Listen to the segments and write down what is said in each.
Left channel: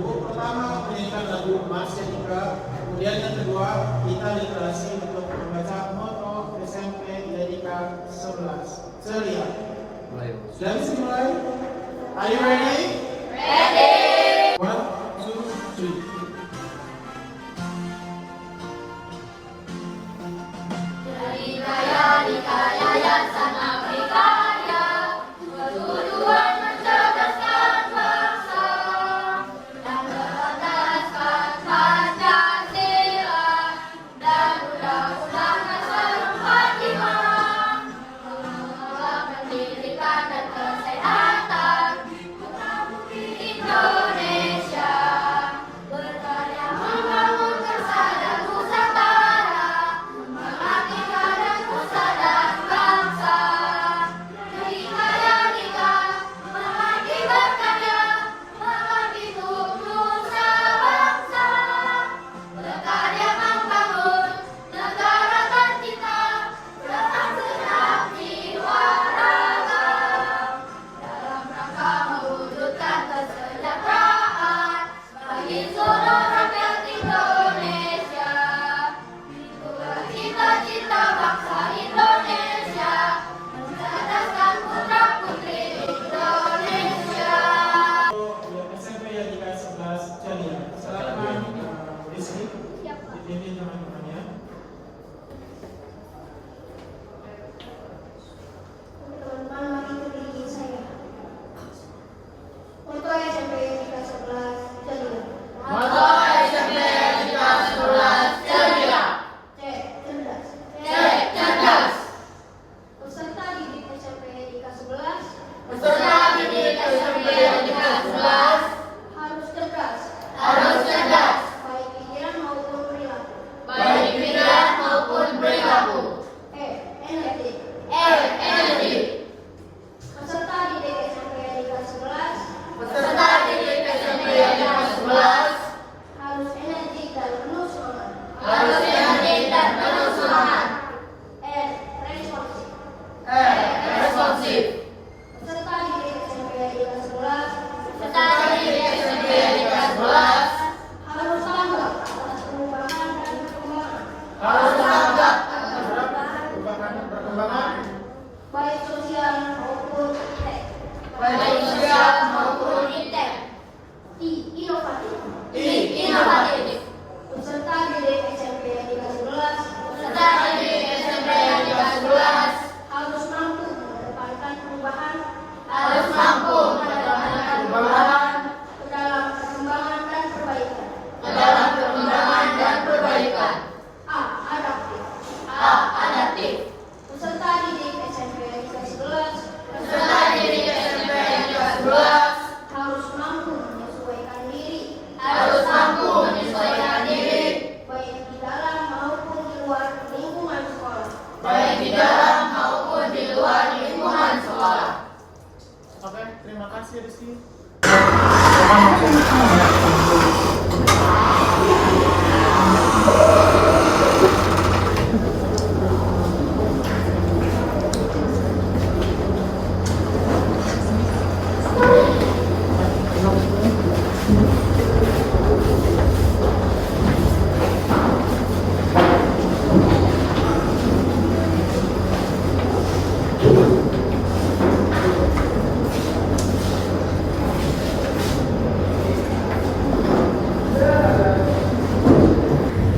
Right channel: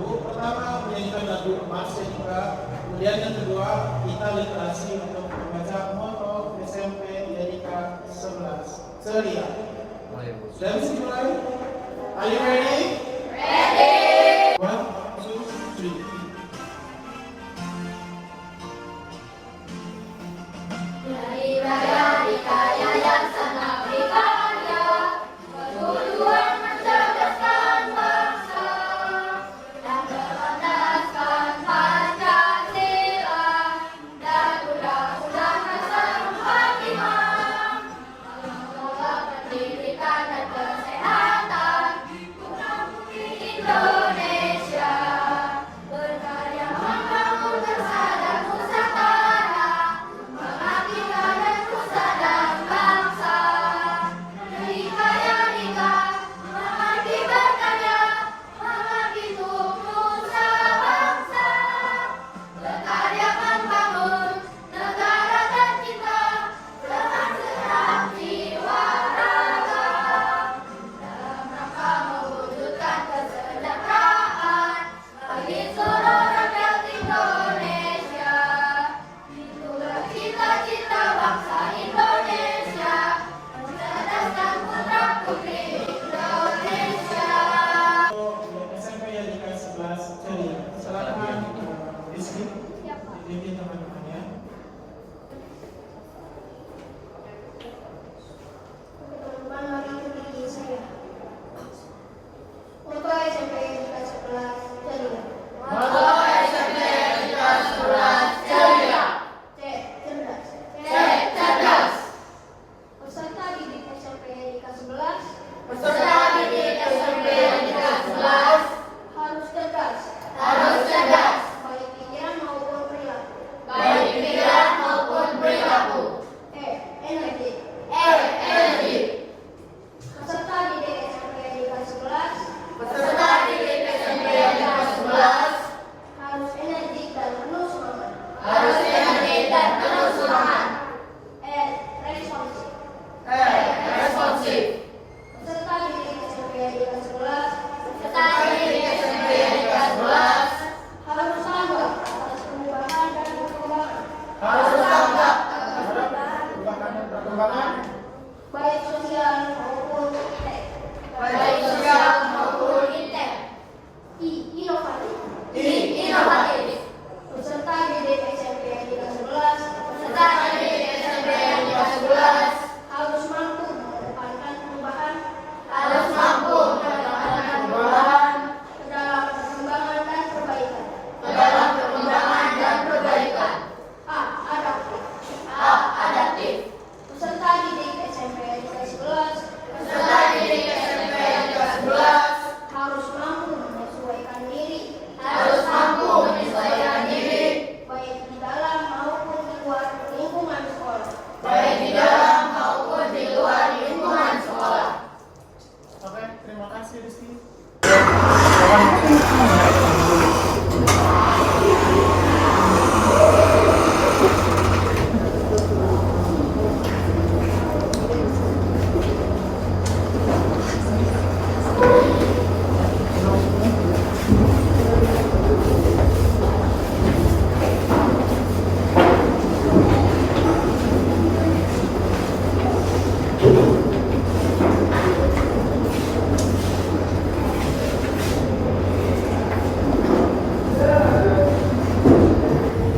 dulu. Pertama, menyanyikan lagu Masya Ika. Kemudian yang kedua, kita literasi untuk membaca moto SMP Lirika 11. Ceria. Sudah bisa dimulai? Are you ready? Ready! 1, 2, 3.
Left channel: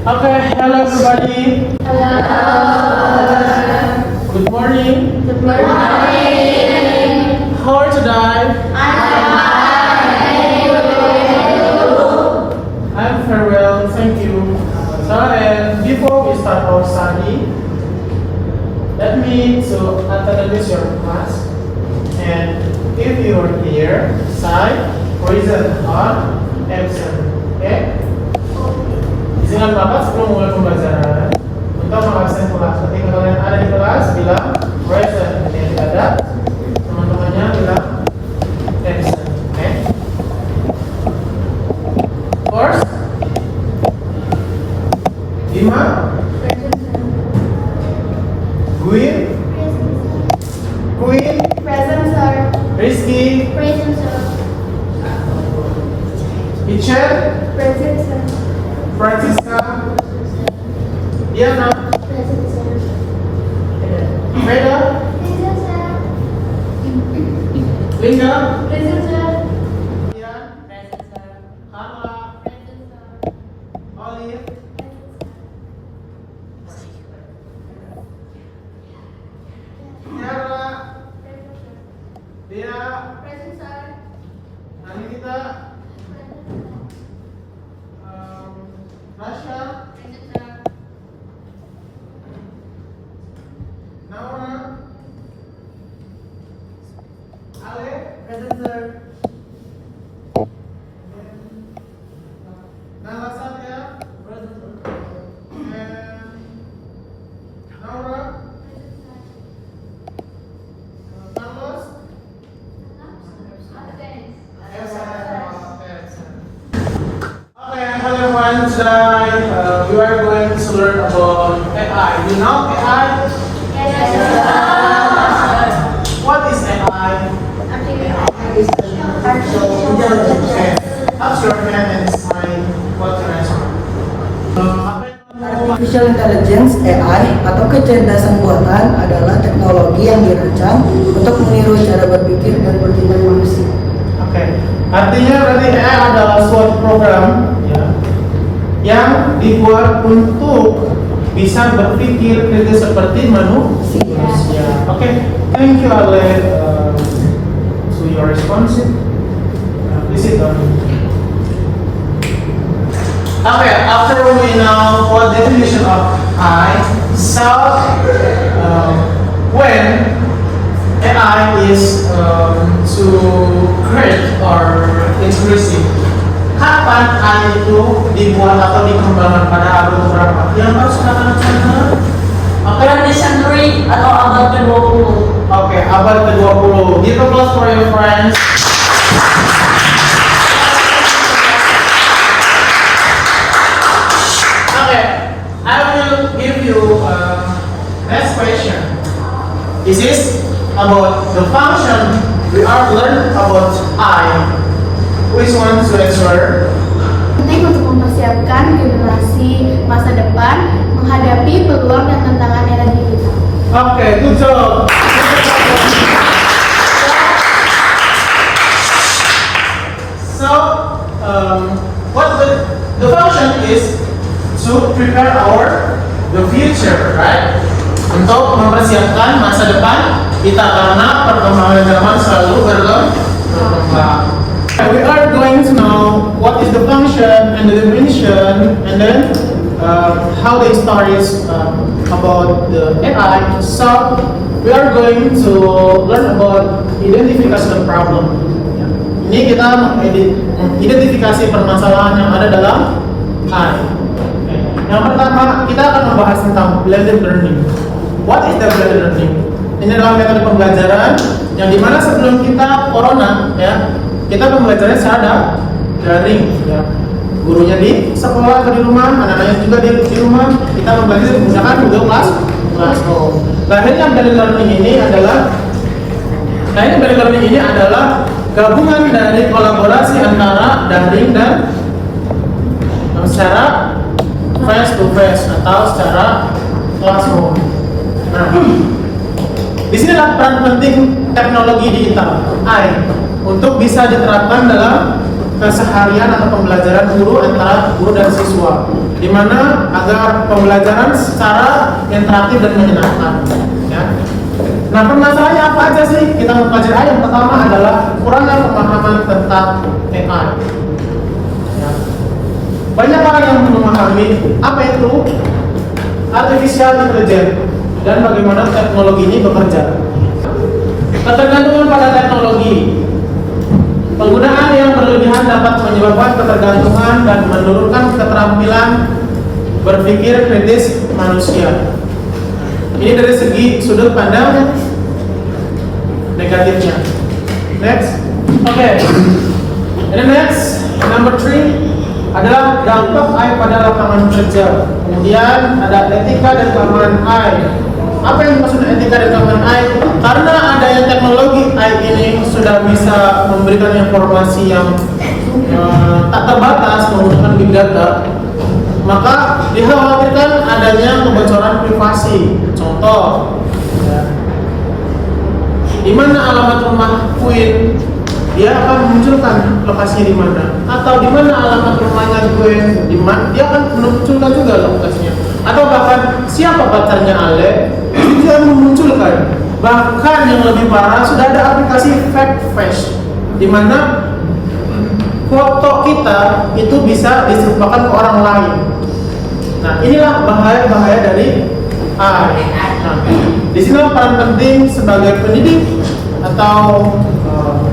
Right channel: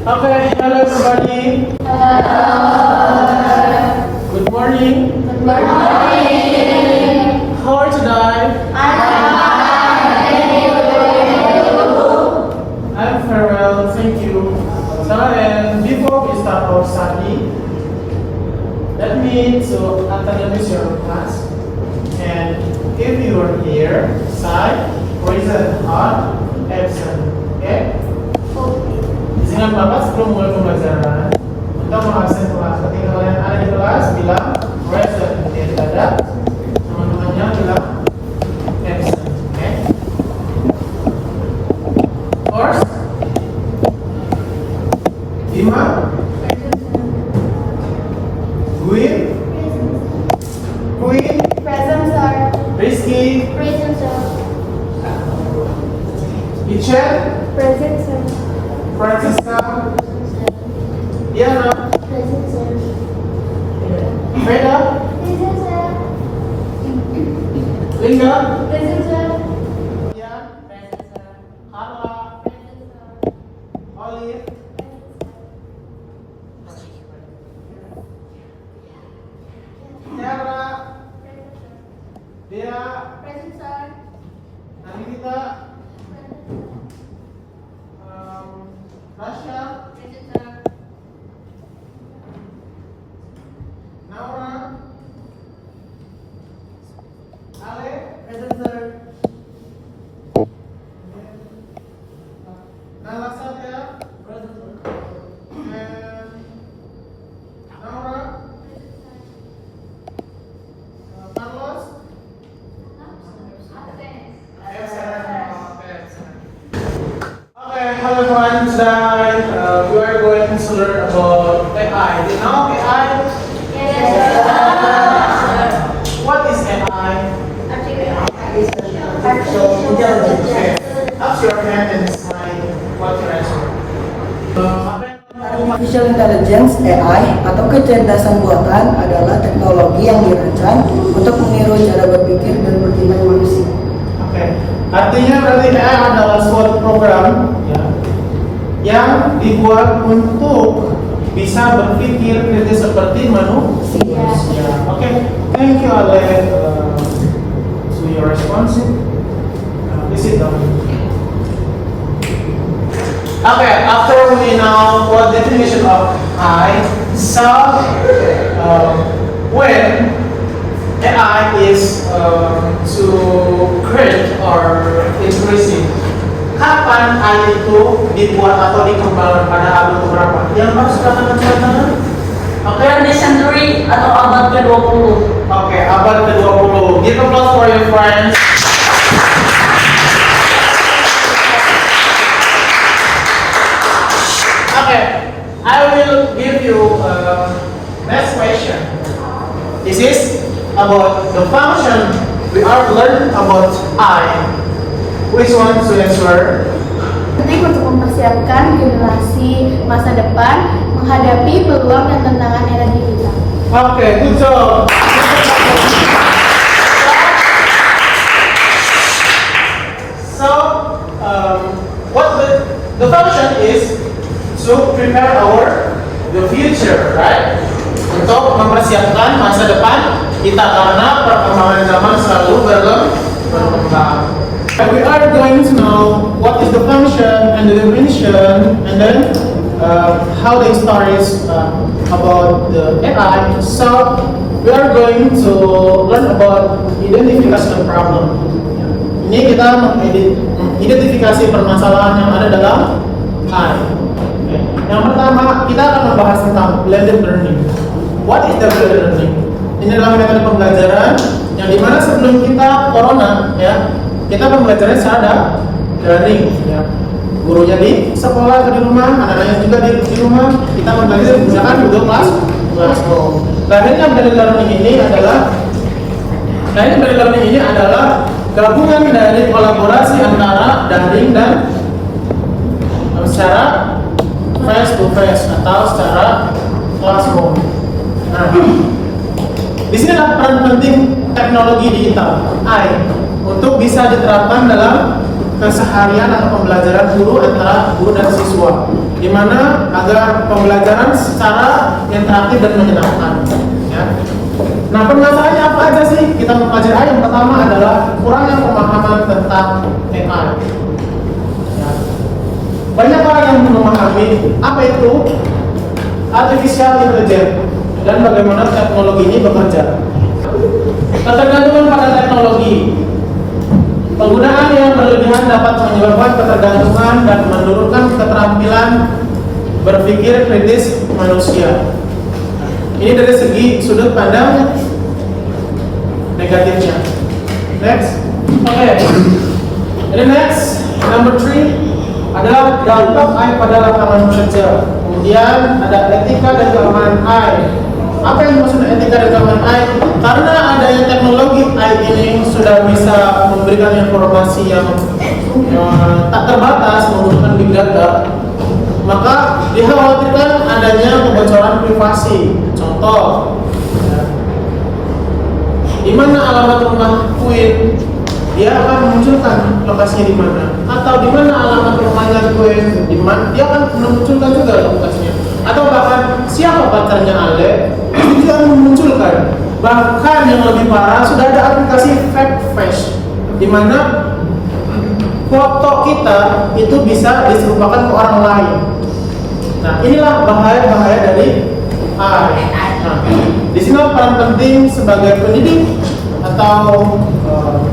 Okay, hello everybody. Good morning. Good morning. How are you today? I'm very well, thank you. So, and before we start our study, let me to introduce your class. And if you are here, sign, reason, or absent. Okay? Dengan Bapak sebelum mulai pembelajaran, kita mengabsen kelas. Ketika kalian ada di kelas, bilang present. Yang tidak ada, teman-temannya bilang absent. Oke? First, Bima, Gwyn, Queen, Present, sir. Rizky, Present, sir. Michelle, Present, sir. Francisca, Diana, Present, sir. Veda, Present, sir. Linda, Present, sir. Ian, Present, sir. Carla, Present, sir. Olive, Tiara, Dea, Present, sir. Anita, Rasha, Present, sir. Naura, Ale, Present, sir. Nala Satya, Present, sir. and Naura, Carlos, Okay, hello everyone. Today we are going to learn about AI. You know AI? What is AI? So, okay. What's your name and sign? What's your answer? Artificial Intelligence (AI) atau kecerdasan buatan adalah teknologi yang dirancang untuk meniru cara berpikir dan bertindak manusia. Oke, artinya berarti AI adalah suatu program ya, yang dibuat untuk bisa berpikir kritis seperti manusia. Oke, thank you Ale. So your response. Please sit down. Okay, after we know what definition of AI, so when AI is to create or increasing, kapan AI itu dibuat atau dikembangkan pada abad keberapa? Yang harus katakan teman-teman? Oke, 20th century atau abad ke-20. Oke, abad ke-20. Give applause for your friends. Okay, I will give you next question. This is about the function we are learning about I. Which one to answer? Penting untuk mempersiapkan generasi masa depan menghadapi peluang dan tantangan era digital. Okay, good job. So, what the function is to prepare the future, right? Untuk mempersiapkan masa depan kita karena perkembangan zaman selalu berkembang. We are going to know what is the function and the definition, and then how the story is about the AI. So we are going to learn about identification problem. Ini kita mengidentifikasi permasalahan yang ada dalam AI. Yang pertama, kita akan membahas tentang blended learning. What is the blended learning? Ini adalah metode pembelajaran yang dimana sebelum kita corona, ya, kita pembelajaran secara daring, ya. Gurunya di sekolah atau di rumah, anak-anaknya juga di rumah. Kita mempelajari menggunakan Google Classroom. Dan yang blended learning ini adalah gabungan dari kolaborasi antara daring dan secara face to face atau secara classroom. Nah, di sini adalah peran penting teknologi digital AI untuk bisa diterapkan dalam keseharian atau pembelajaran guru antara guru dan siswa, di mana agar pembelajaran secara interaktif dan menyenangkan. Ya. Nah, permasalahannya apa aja sih? Kita mempelajari AI. Yang pertama adalah kurangnya pemahaman tentang AI. Ya. Banyak orang yang belum memahami apa itu artificial intelligence dan bagaimana teknologi ini bekerja. Ketergantungan pada teknologi. Penggunaan yang berlebihan dapat menyebabkan ketergantungan dan menurunkan keterampilan berpikir kritis manusia. Ini dari segi sudut pandang negatifnya. Next, oke. And next, number 3 adalah dampak AI pada lapangan kerja. Kemudian ada etika dan keamanan AI. Apa yang dimaksud etika development AI? Karena adanya teknologi AI ini sudah bisa memberikan informasi yang tak terbatas menggunakan big data, maka dikhawatirkan adanya kebocoran privasi. Contoh, di mana alamat rumah Queen, dia akan memunculkan lokasinya di mana, atau di mana alamat rumahnya Queen, di mana dia akan memunculkan juga lokasinya, atau bahkan siapa pacarnya Ale, itu juga memunculkan. Bahkan yang lebih parah, sudah ada aplikasi fake face, di mana foto kita itu bisa diserupakan ke orang lain. Nah, inilah bahaya-bahaya dari AI. Nah, di sini peran penting sebagai pendidik atau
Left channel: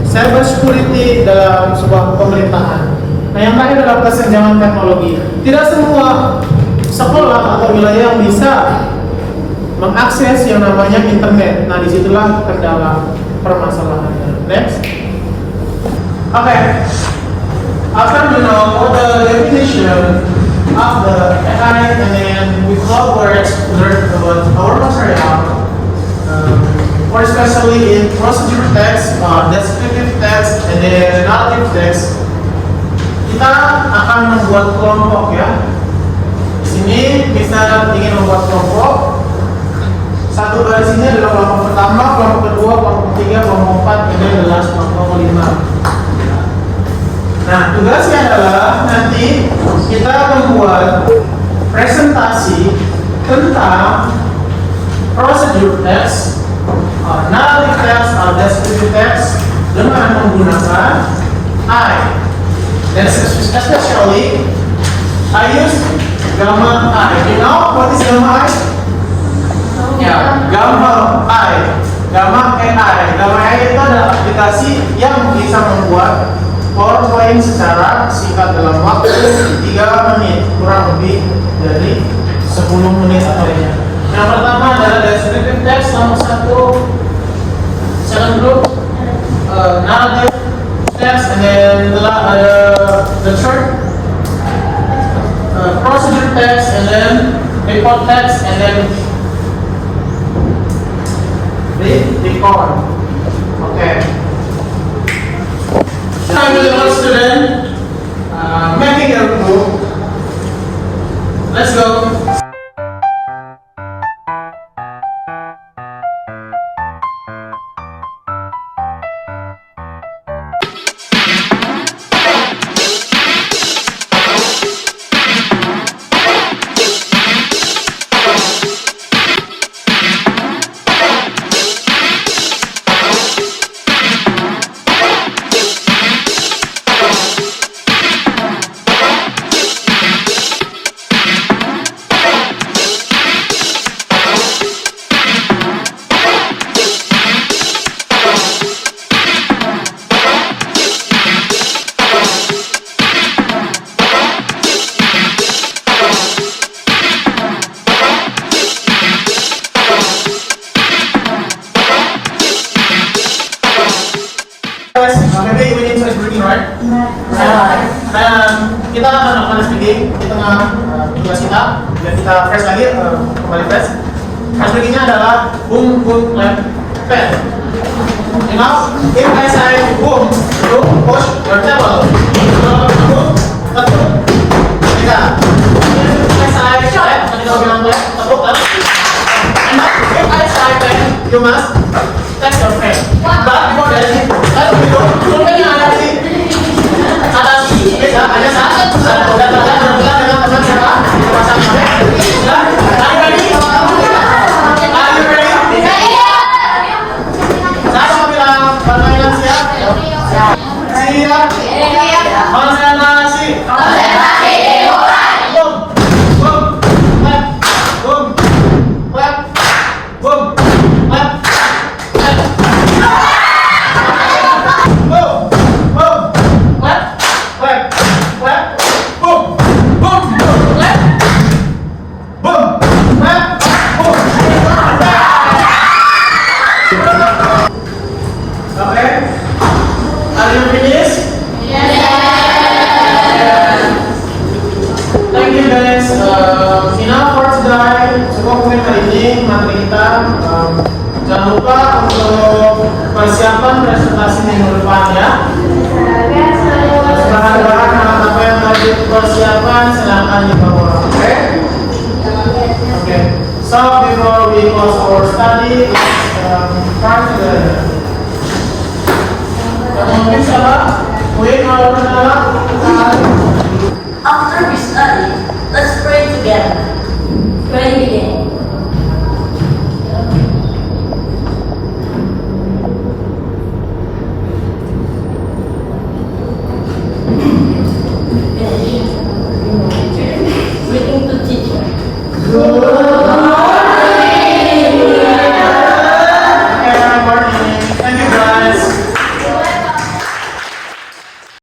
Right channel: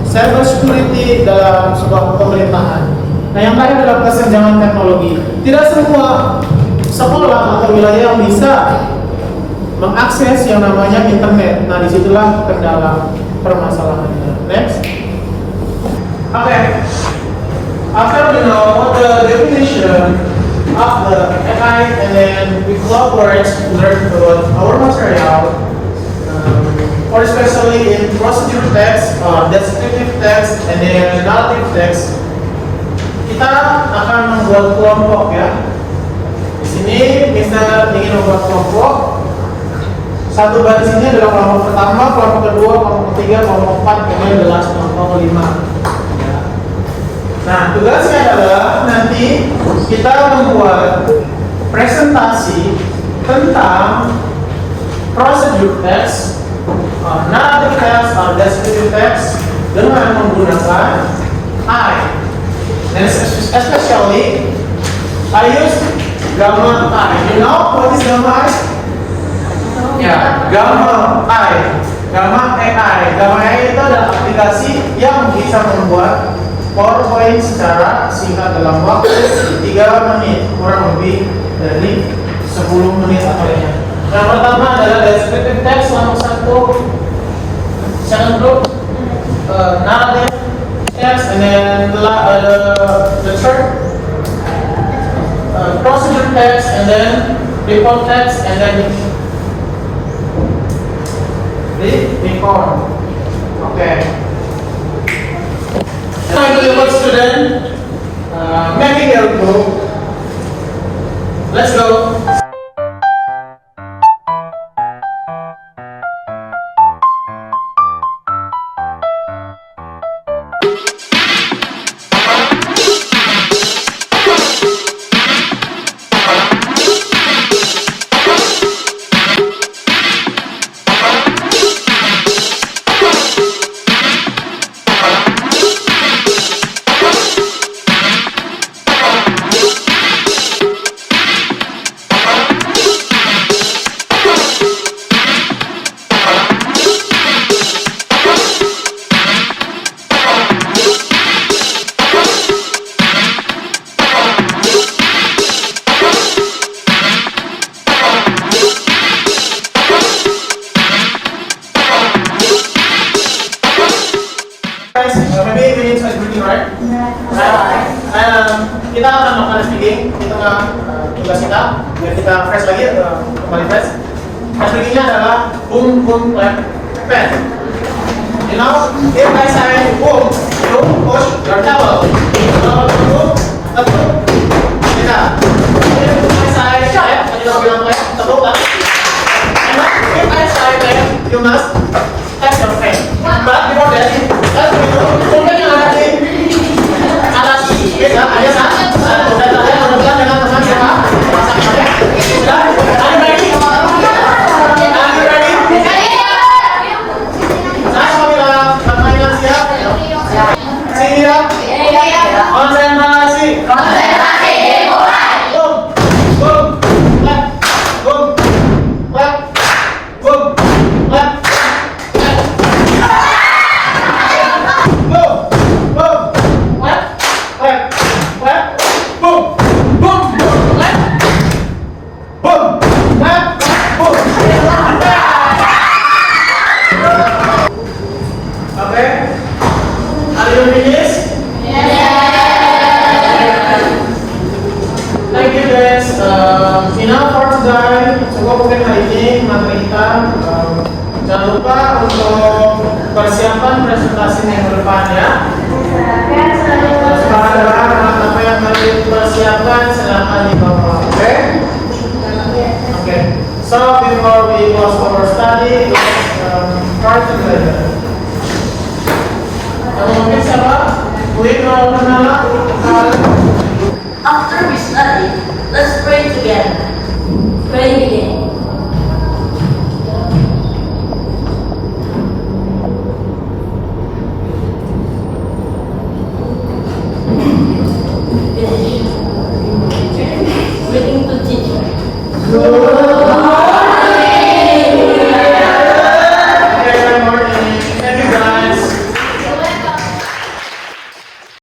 cyber security dalam sebuah pemerintahan. Nah, yang terakhir adalah kesenjangan teknologi. Tidak semua sekolah atau wilayah yang bisa mengakses yang namanya internet. Nah, disitulah kendala permasalahannya. Next. Okay. After we know the definition of the AI, and then with cloud words, we learn about our material, or especially in procedure text, descriptive text, and then narrative text. Kita akan membuat kelompok ya. Di sini kita ingin membuat kelompok. Satu baris ini adalah kelompok pertama, kelompok kedua, kelompok ketiga, kelompok empat, ini adalah kelompok kelima. Nah, tugasnya adalah nanti kita membuat presentasi tentang procedure text, narrative text, descriptive text dengan menggunakan I. Dan especially I use gamma I. You know what is gamma I? Ya, gamma I. Gamma AI. Gamma AI itu adalah aplikasi yang bisa membuat PowerPoint secara singkat dalam waktu 3 menit, kurang lebih dari 10 menit atau ya. Yang pertama adalah descriptive text nomor 1, second group narrative text, and then the third procedure text, and then report text, and then the report. Okay. Time to the student, making your group. Let's go. Maybe we need to start breaking, right? Kita akan melakukan speaking di tengah tugas kita, biar kita fresh lagi, kembali fresh. Speakingnya adalah boom, boom, clap, pen. You know, if I say boom, you push your table. Boom, tepuk, kita. If I say clap, and you bilang clap, tepuk, tepuk. If I say clap, you must touch your friend. But before that, let's go. persiapan presentasi minggu depan ya. Semangat dalam apa yang tadi persiapan silakan dibawa. Oke? Oke. So before we close our study, start together. Kemudian salah, we know After we study, let's pray together. Pray begin. Finish.